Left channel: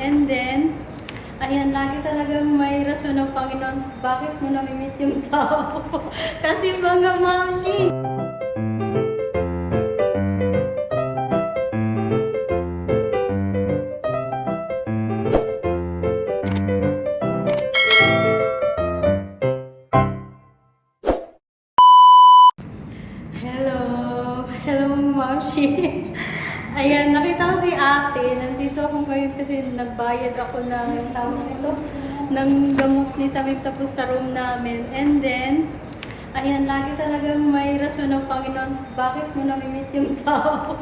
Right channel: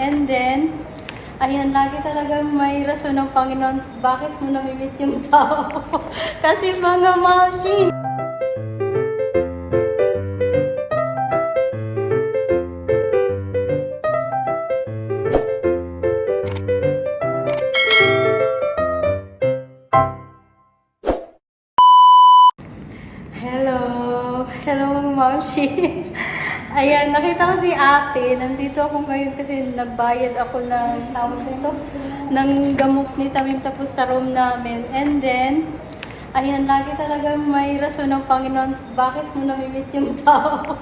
And then, ayan, lagi talagang may rason ng Panginoon bakit mo namimit yung tao. Kasi mga machine. Hello mga maushi. Ayan, nakita ko si ate. Nandito ako ngayon kasi nagbayad ako ng tawag nito, ng gamot ni Tamim tapos sa room namin. And then, ayan, lagi talagang may rason ng Panginoon bakit mo namimit yung tao.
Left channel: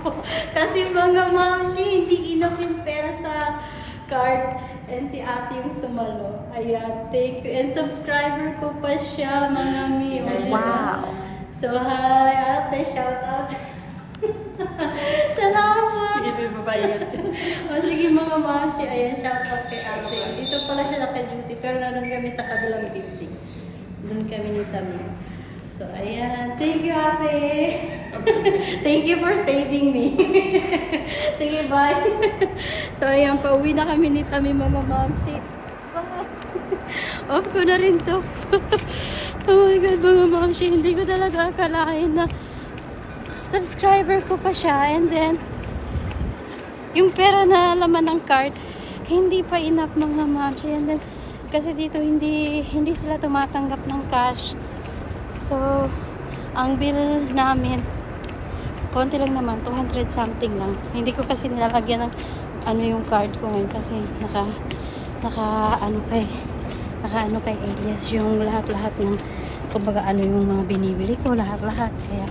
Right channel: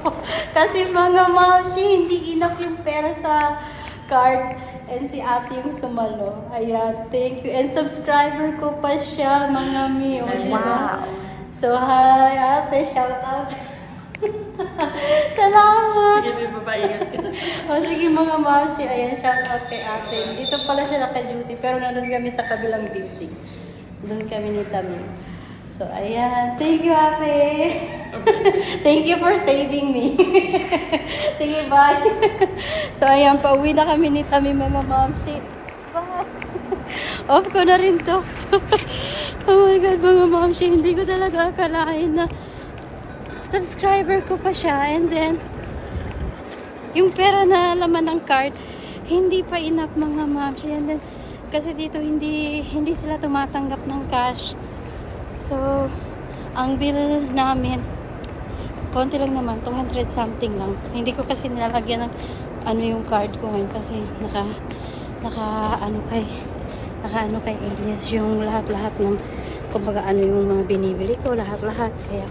Kasi mga maushi, hindi enough yung pera sa card. And si ate yung sumalo. Ayan, thank you. And subscriber ko pa siya, mga mi. Wow! So, hi, ate, shout out. Salamat! Sige, babae. O sige mga maushi, ayan, shout out kay ate. Dito pala siya naka-duty, pero nandun kami sa kabilang building. Doon kami ni Tamim. So, ayan. Thank you, ate. Thank you for saving me. Sige, bye. So, ayan, pauwi na kami ni Tamim, mga maushi. Bye. Off ko na rin to. Oh my God, mga maushi, hindi ko talaga akalain na subscriber ko pa siya. And then, yung pera na laman ng card, hindi pa enough, mga maushi. And then, kasi dito hindi sila tumatanggap ng cash. So, ang bill namin, konti lang naman, 200 something lang. Hindi ko kasi nilalagyan ng ano yung card ko ngayon kasi naka ano kay Elias yung lahat-lahat ng kumbaga ano yung mga binibili ko, lahat-lahat. Kaya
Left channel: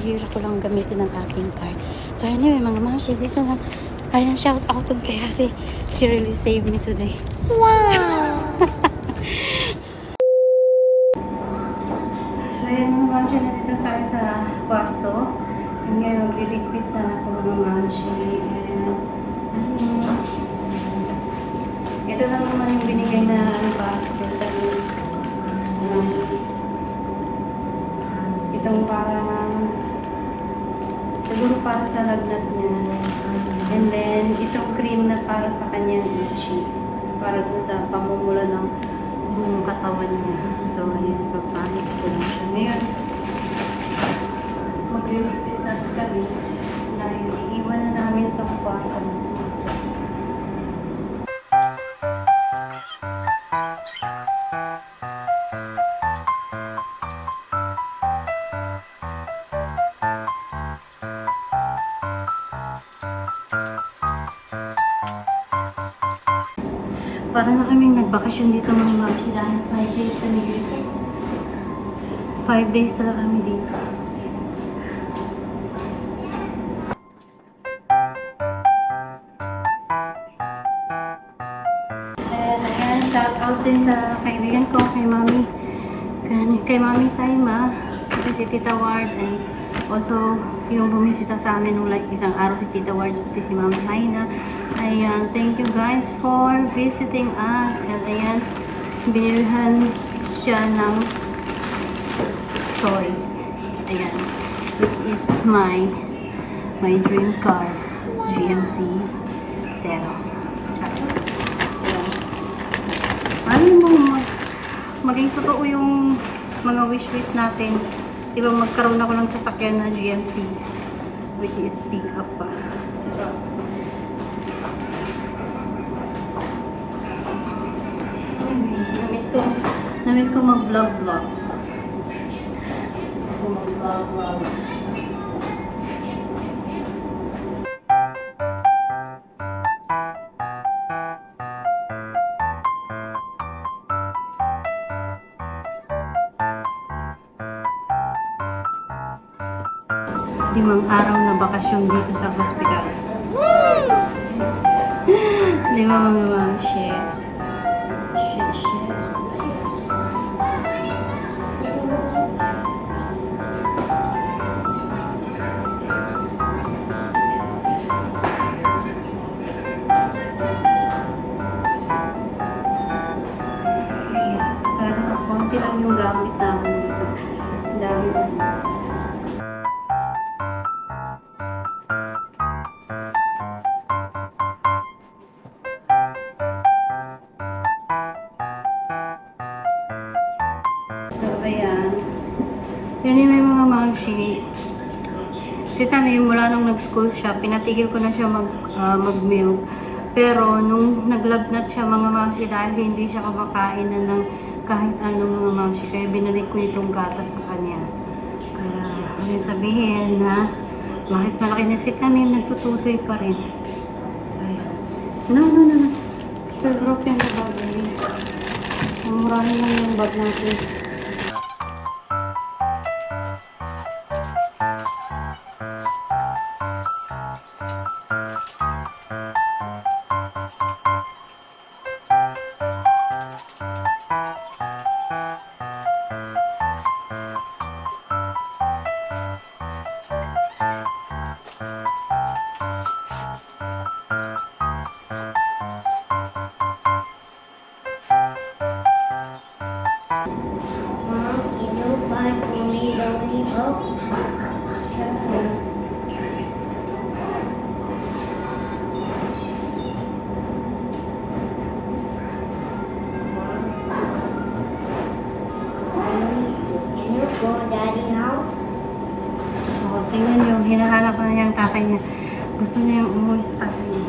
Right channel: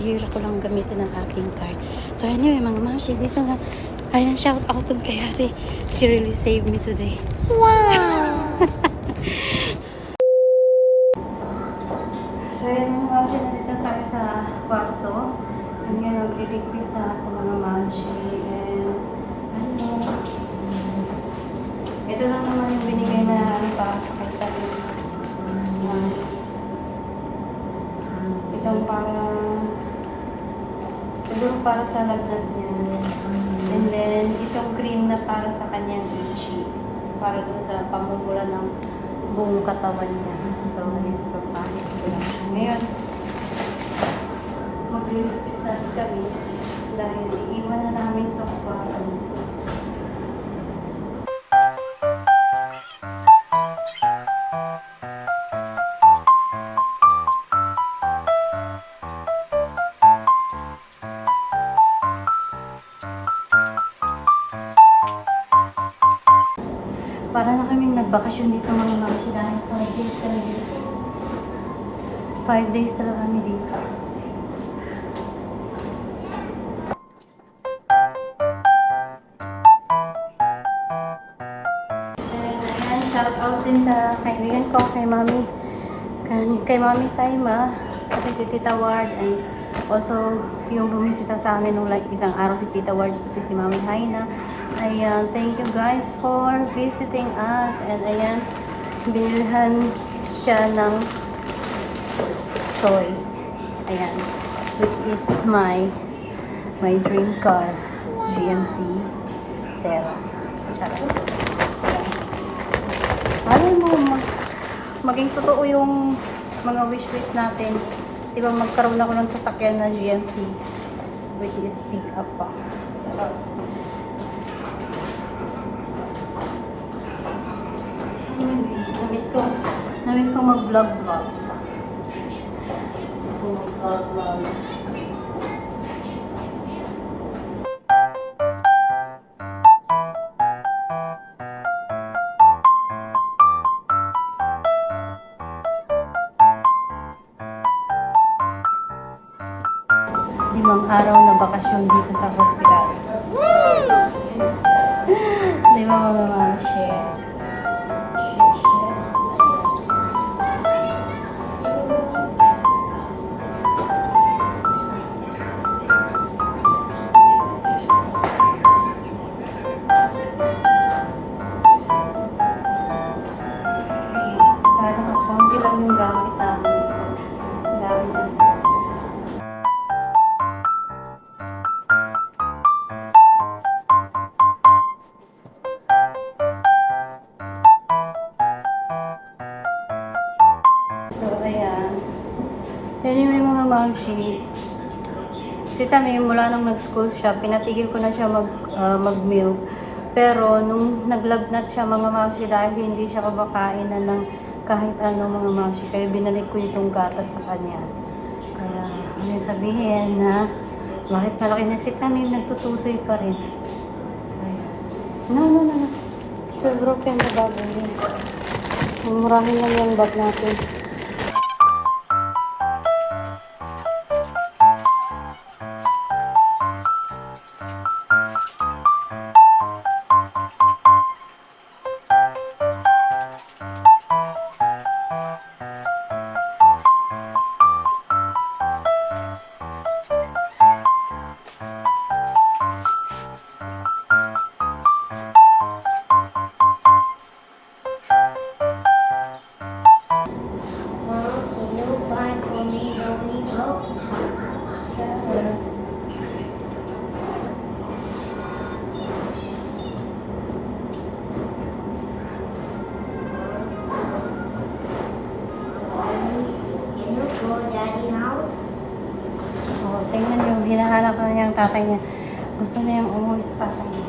hira ko lang gamitin ng aking card. So anyway, mga maushi, dito lang. Ayan, shout out dun kay ate. She really saved me today. Wow! So ayan, mga maushi, nandito tayo sa kwarto. And ngayon, magliligpit na ako, mga maushi. Ayan. Ito lang naman yung binigay na ano pa, itong parang siguro para sa lagnat niya. And then, itong cream na para sa kanyang itchy. Para dun sa pamumula ng buong katawan niya. So, ayun, papahit ko lang siya. Ngayon, maglilipit na kami dahil iiwan na namin itong kwarto. Para na kaming nagbakasyon dito, mga maushi, dahil 5 days talaga. 5 days talaga kami dito. Ayan, shout out din sa kaibigan ko, kay Mami Saima, kasi si Tita Wars, and also yung bumisita sa amin nung like isang araw si Tita Wars, si Mami Haina. Ayan, thank you guys for visiting us. And ayan, bilhan siya ng choice. Ayan, which is my dream car, GMC Sera. Ayan mo, maging totoo yung mga wish natin. Diba magkaroon ako ng sasakyan na GMC, which is pick up pa. Namiss ko mag-vlog. Limang araw na bakasyon dito sa hospital. Di ba mga maushi? Kaya konti lang yung gamit namin dito. Ang dami na. Anyway mga mamshi, si Tami mula nung nag-school siya, pinatigil ko na siya mag-milk. Pero nung naglagnat siya mga mamshi dahil hindi siya kumakain na ng kahit anong mga mamshi, kaya binalik ko itong gatas sa kanya. Kaya ano sabihin na bakit malaki na si Tami, nagtututoy pa rin. So, no. Still broken na bag. Murahin lang yung bag natin. Can you buy for me lollipop? Can you go daddy house? Oh, tingnan yung hinahanap na niya ang tatay niya. Gusto niya yung umuwi sa tatay niya.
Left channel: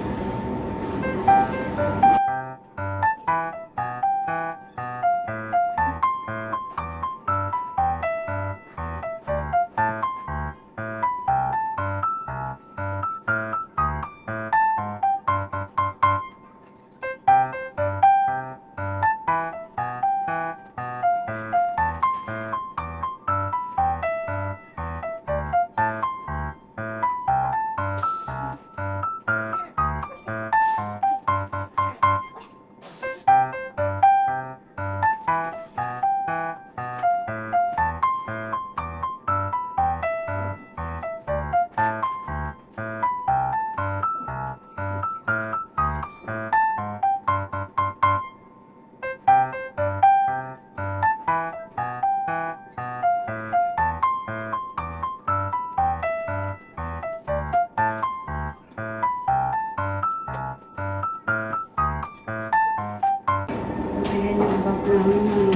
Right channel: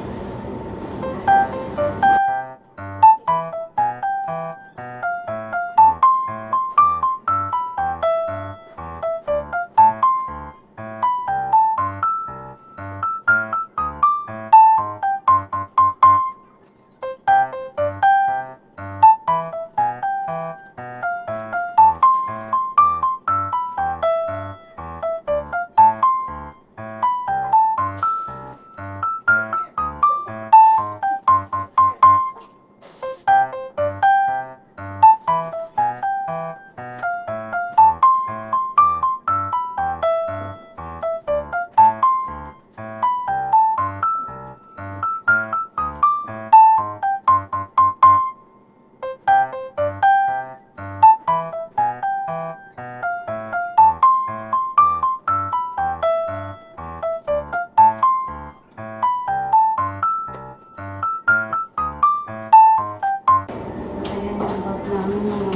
So, ayan yung bag namin mga.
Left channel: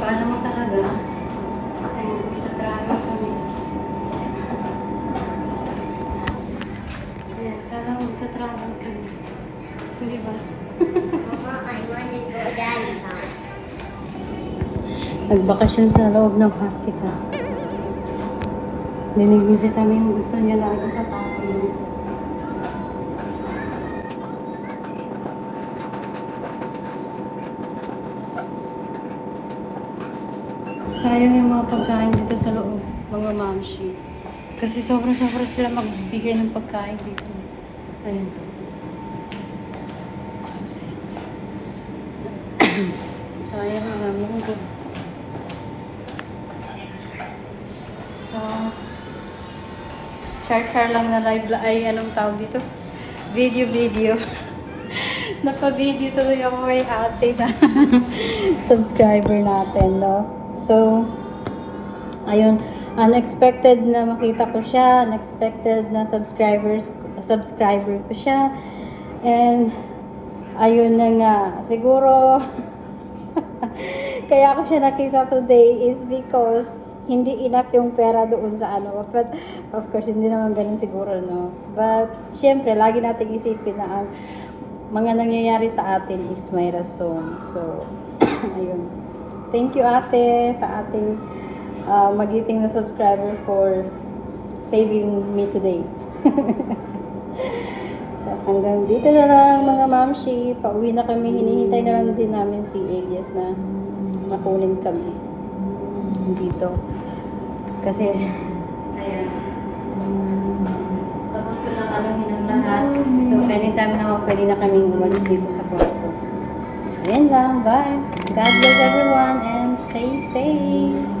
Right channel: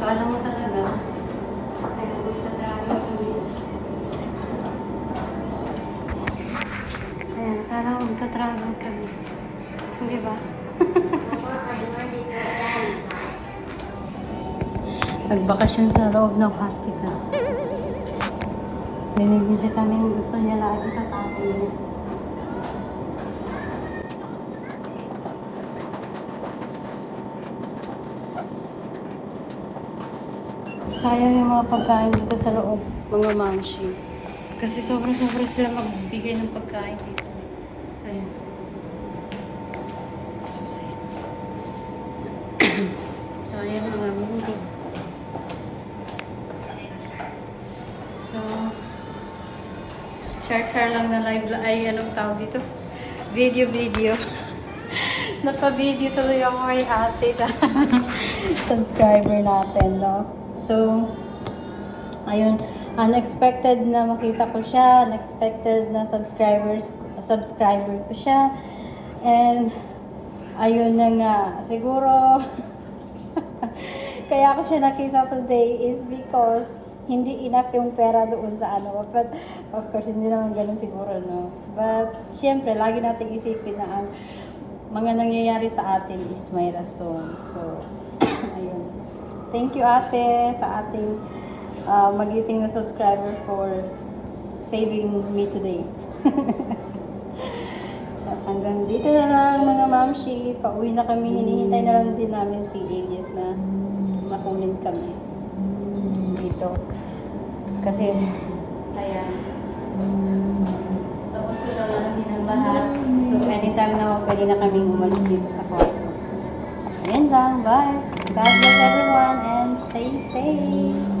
Kala mo talaga, ay magta-travel kami. Ayan, kala mo magta-travel kami. Sige ba? Mama, I want to go daddy house. Nagbakasyon sa loob ng hospital. Dinig niyo si Tami yung gusto niya lagi sa tatay niya. Sayang yung mga pagkain dito sa loob, mga mamshi. Kasi sobra-sobra sila magbigay ng pagkain dito. Ayun. So, ayan ang aming dito. So, char-char lang na live ay anong tawag dito? Video. Napa-video tuloy ako kay ate na subscriber natin, no? So, ayun, unexpected na makita ko siya, unexpected na subscriber ko siya. And, ayun na nga, siguro, kaya ako siya nakita today is because hindi enough yung pera doon sa ano. But, of course, hindi naman ganun siguro, no? But, syempre, lagi natin isipin na ang mga nangyayari sa atin is may rason. So, ayun. Thank you, ate, sa ating magiting na subscriber for saving me today. So, hanggang dito na lang, mga mamshi. Pauwi na kami. Hinihintay na lang din namin si Elias na makunin kami dito. Kasi, ayan. Tapos ko na namin ang lahat. So, anytime naman pwede na kami umalis dito sa kwarto. So, ayan lang. Bye. God bless everyone and stay safe.